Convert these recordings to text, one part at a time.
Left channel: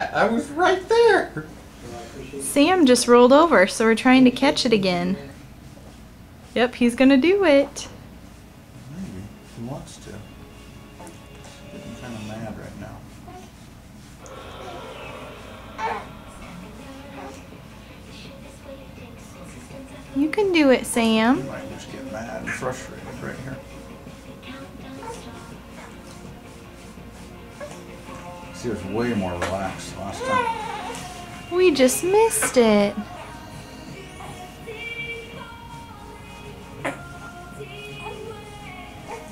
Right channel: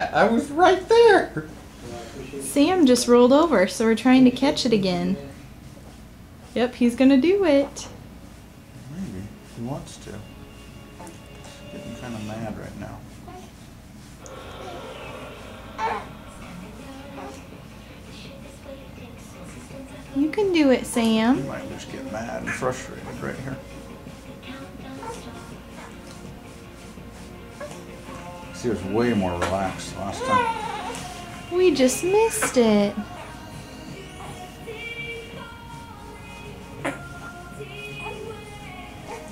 I was right there. Sam just rolled over, so we're trying to catch it again. Yep, he's gonna do it. Maybe. He wants to. He's getting kind of mad right now. You can do it, He Sam. might just get mad and frustrated right here. He was way more relaxed last time. We just missed it.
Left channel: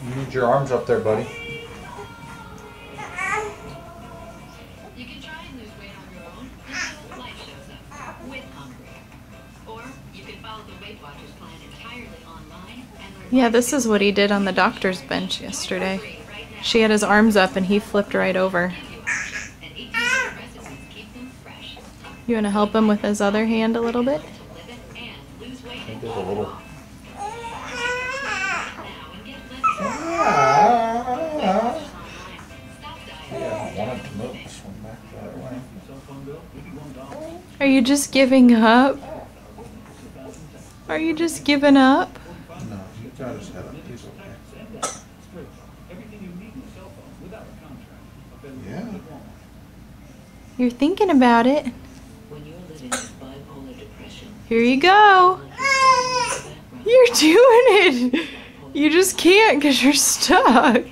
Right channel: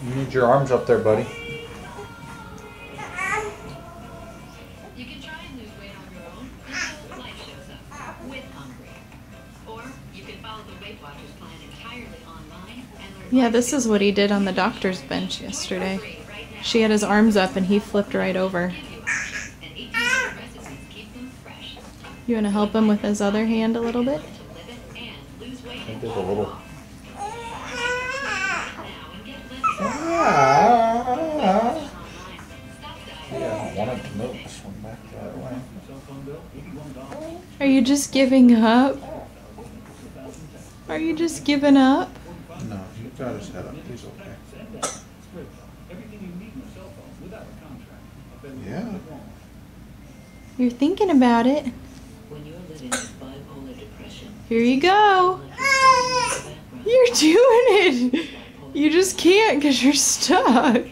You need your arms up there, buddy. You can try and lose weight on your own until life shows up with Hungry. Or you can follow the Weight Watchers plan entirely online and learn. Yeah, this is what he did on the doctor's bench yesterday. She had his arms up and he flipped right over. And 18 different recipes keep them fresh. You want to help him with his other hand a little bit? To live it and lose weight. I did a little. Now and get less Yeah, Stop I dieting. wanted to move this one back the other way. Are you just giving up? Are you just giving up? No, he got his head up. He's okay. Yeah. You're thinking about it. When you're living with bipolar depression, Here you go. You're doing it. You just can't because you're stuck. one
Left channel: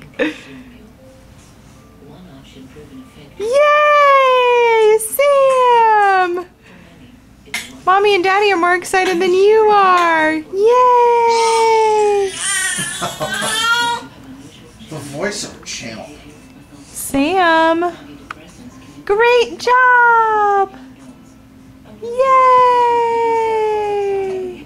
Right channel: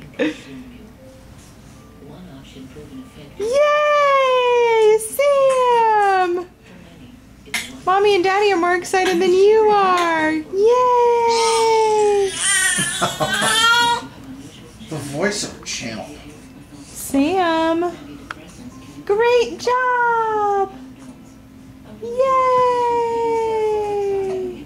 option proven effective Yay! Sam! Mommy and Daddy are more excited than you are. Yay! The voiceover channel. Sam, great job! Yay!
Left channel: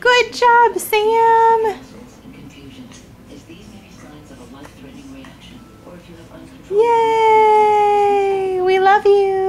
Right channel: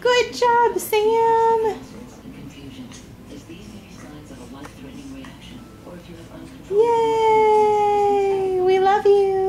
Good job, Sam! and confusion, as these may be signs of a life-threatening reaction, or if you have uncontrolled Yay! We love you!